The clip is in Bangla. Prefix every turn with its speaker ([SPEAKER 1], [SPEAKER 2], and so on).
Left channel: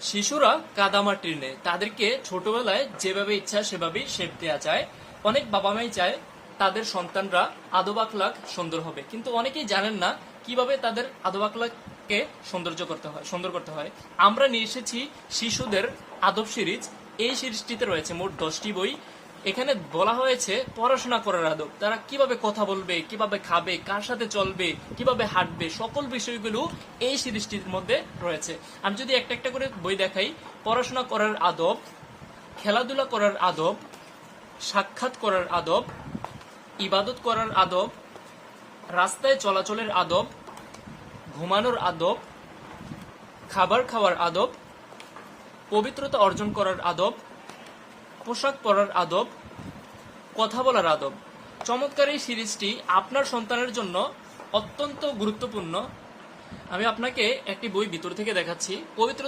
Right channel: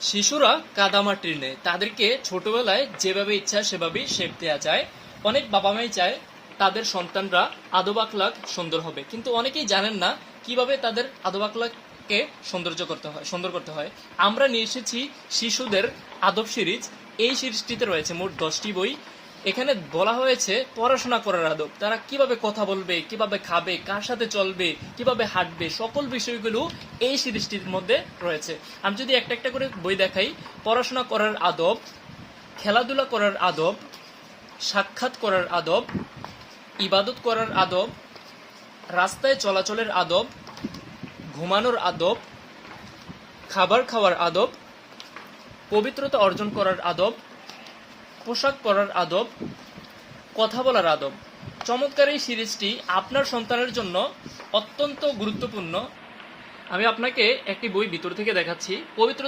[SPEAKER 1] শিশুরা কাদামাটির নেয় তাদেরকে ছোটবেলায় যেভাবে ইচ্ছা সেভাবেই শেপ দেওয়া যায়। অনেক বাবা মাই চায় তাদের সন্তানরা আদব সুন্দর হবে। কিন্তু অনেকেই জানেন না কীভাবে তাদের আদব আখলাককে সৌন্দর্য করতে হয়, সুন্দর করতে হয়। আমরা নিয়ে এসেছি শিশুদের আদব সিরিজ। এই সিরিজটিতে রয়েছে মোট দশটি বই। এখানে বলা হয়েছে পড়াশোনা করার আদব। তারা কীভাবে কথা বলবে, কীভাবে খাবে, কার সাথে চলবে, কীভাবে হাঁটবে, সকল বিষয়গুলো এই সিরিজটির মধ্যে রয়েছে। আমি যদি একটা একটা করে বই দেখাই, পড়াশোনা করার আদব, খেলাধুলা করার আদব, সাক্ষাৎ করার আদব, ইবাদত করার আদব, রাস্তায় চলাচলের আদব, ঘুমানোর আদব, খাবার খাওয়ার আদব, পবিত্রতা অর্জন করার আদব পোশাক পরার আদব, কথা বলার আদব। চমৎকার এই সিরিজটি আপনার সন্তানের জন্য অত্যন্ত গুরুত্বপূর্ণ। আমি আপনাকে একটি বই ভিতর থেকে দেখাচ্ছি, পবিত্র